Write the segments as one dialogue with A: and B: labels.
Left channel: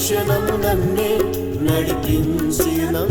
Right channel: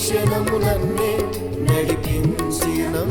A: క్షణములన్నీ నడిపించినం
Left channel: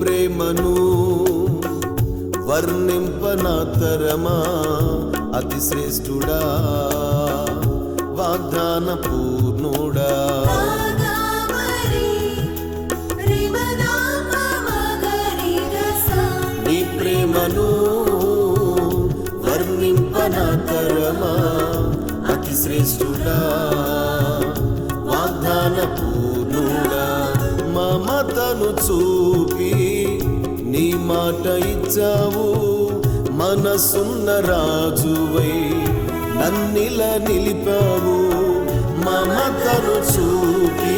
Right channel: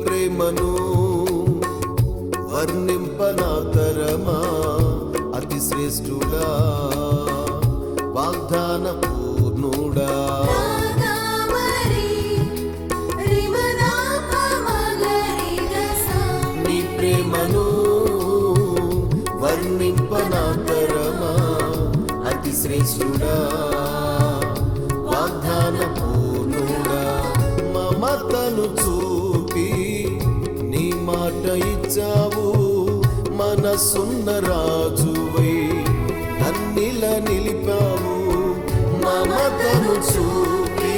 A: ప్రేమను వర్ణింపనాతరమా? అతి శ్రేష్ఠుడా వాగ్దాన పూర్ణుడా నీ ప్రేమను మనసున్న రాజువే నన్నిల నిలిపావు మమతను చూపి.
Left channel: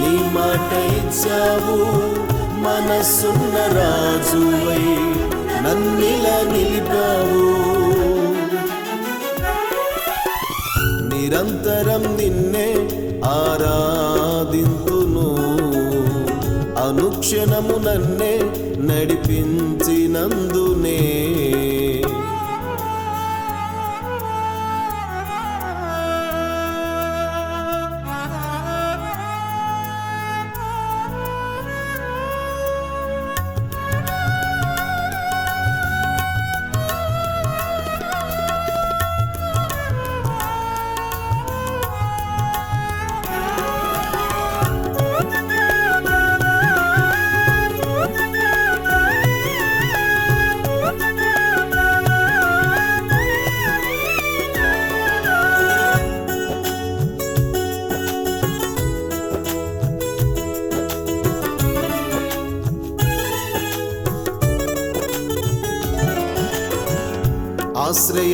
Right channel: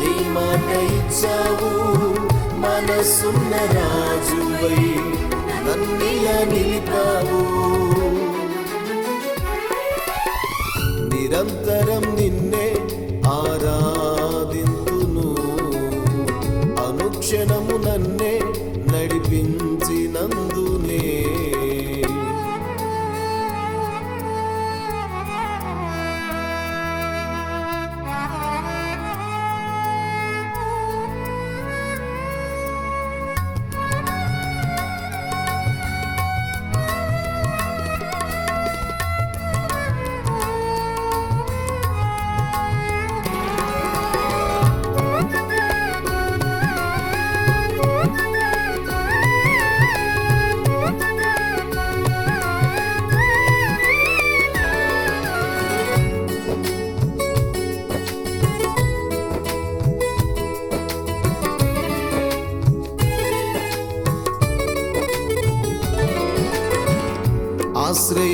A: నీ మాట ఇచ్చావు మనసున్న రాజువై నన్నిల నిలిపావు. నిరంతరం నిన్నే ఆరాధింతును. అనుక్షణము నన్ను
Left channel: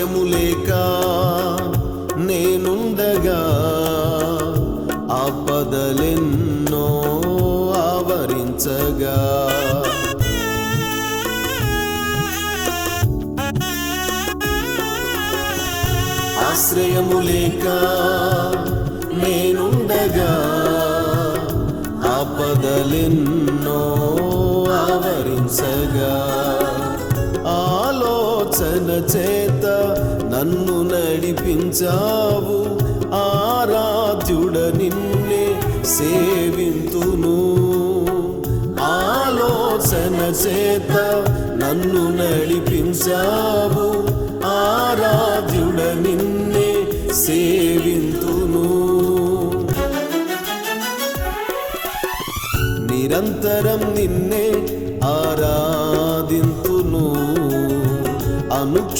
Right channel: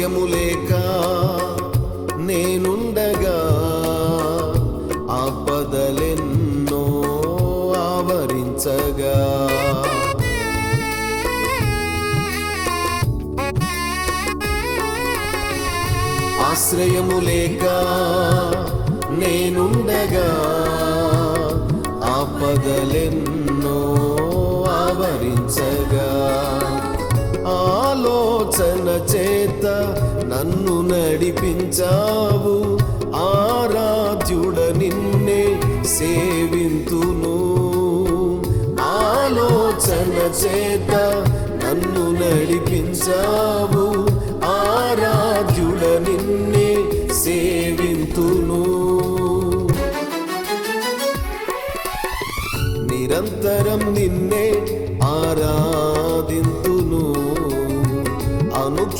A: ఆశ్రయము లేక నేనుండగా ఆపదలెన్నో ఆవరించగా. ఆశ్రయము లేక నేనుండగా ఆపదలెన్నో ఆవరించగా. చేత నన్ను నడిపించావు. ఆరాధ్యుడ నిన్నే సేవింతును. ఆలోచన చేత నన్ను నడిపించావు.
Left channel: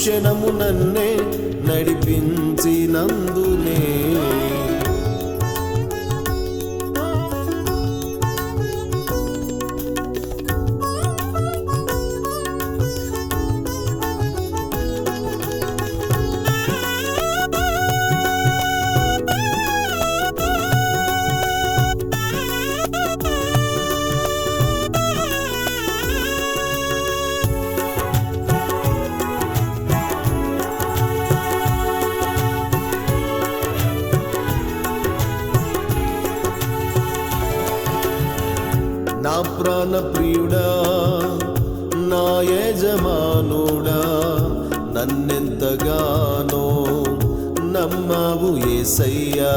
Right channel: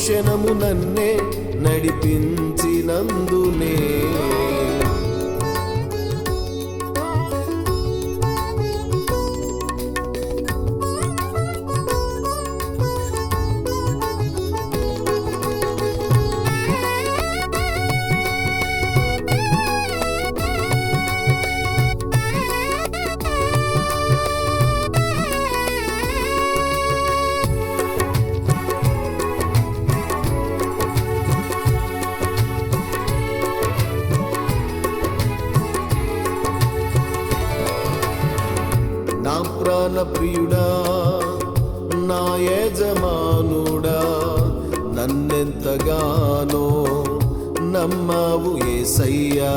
A: అనుక్షణము నన్నే నమ్మావు ఏసయ్యా.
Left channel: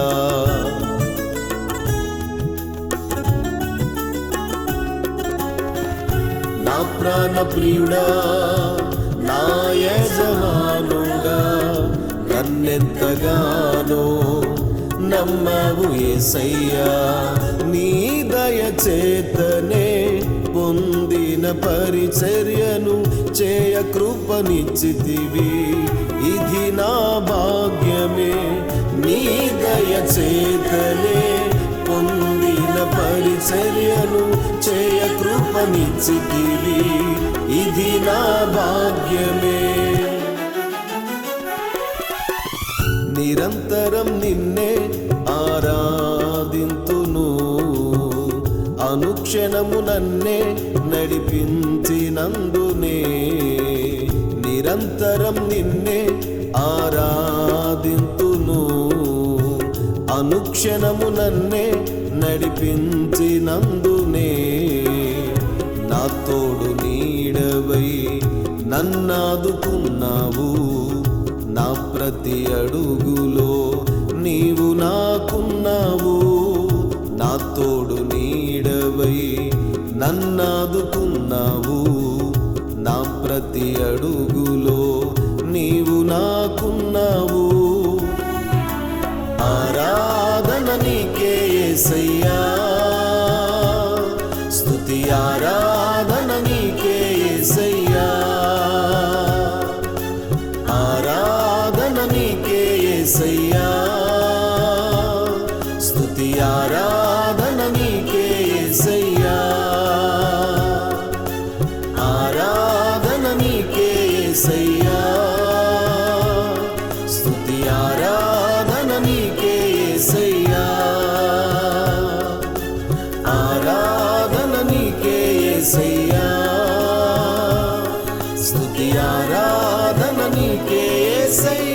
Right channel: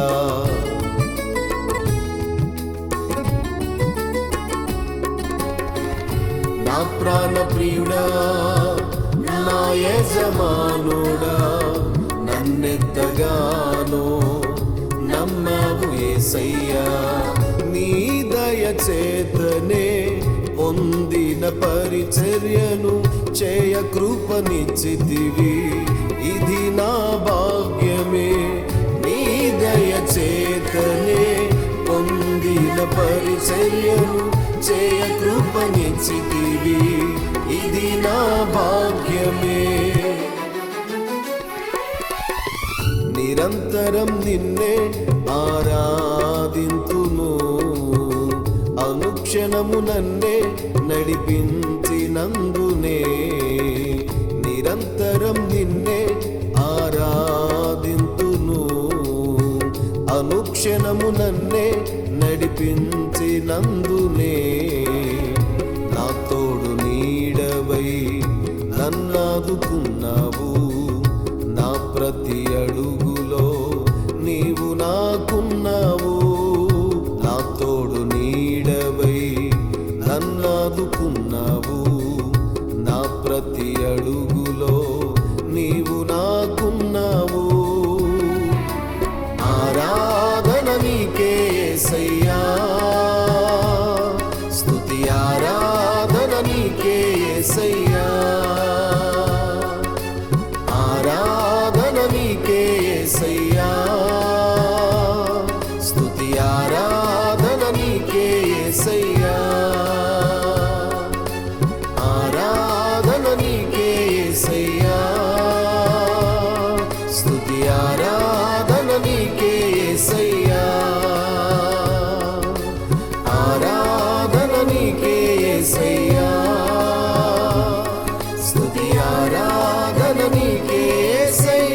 A: నా ప్రాణ ప్రియుడా నా యజమానుడా నన్నెంతగానో నమ్మవు ఏసయ్యా. నీ దయచేతనే పొందిన పరిచర్యను చేయ కృపనిచ్చితివి. ఇది నా భాగ్యం చేతనే పొందిన పరిచర్యను చేయ కృపనిచ్చితివి. ఇది నా భాగ్యమే. నిరంతరం నిన్నే ఆరాధింతును. అనుక్షణము నన్నే నడిపించినందునే. నిరంతరం నిన్నే ఆరాధింతు అనుక్షణము నన్నే నడిపించినందునే. నా తోడు నీడవై నన్నాదుకున్నావు. నా ప్రతి అడుగులో నీవు నాకున్నావు. నా తోడు నీడవై నన్నాదుకున్నావు. నా ప్రతి అడుగులో ఏసయ్యా స్తుతి ఆరాధన నీకే ఏసయ్యా ఆరాధన నీకే ఏసయ్యా స్తుతి ఆరాధన que esse é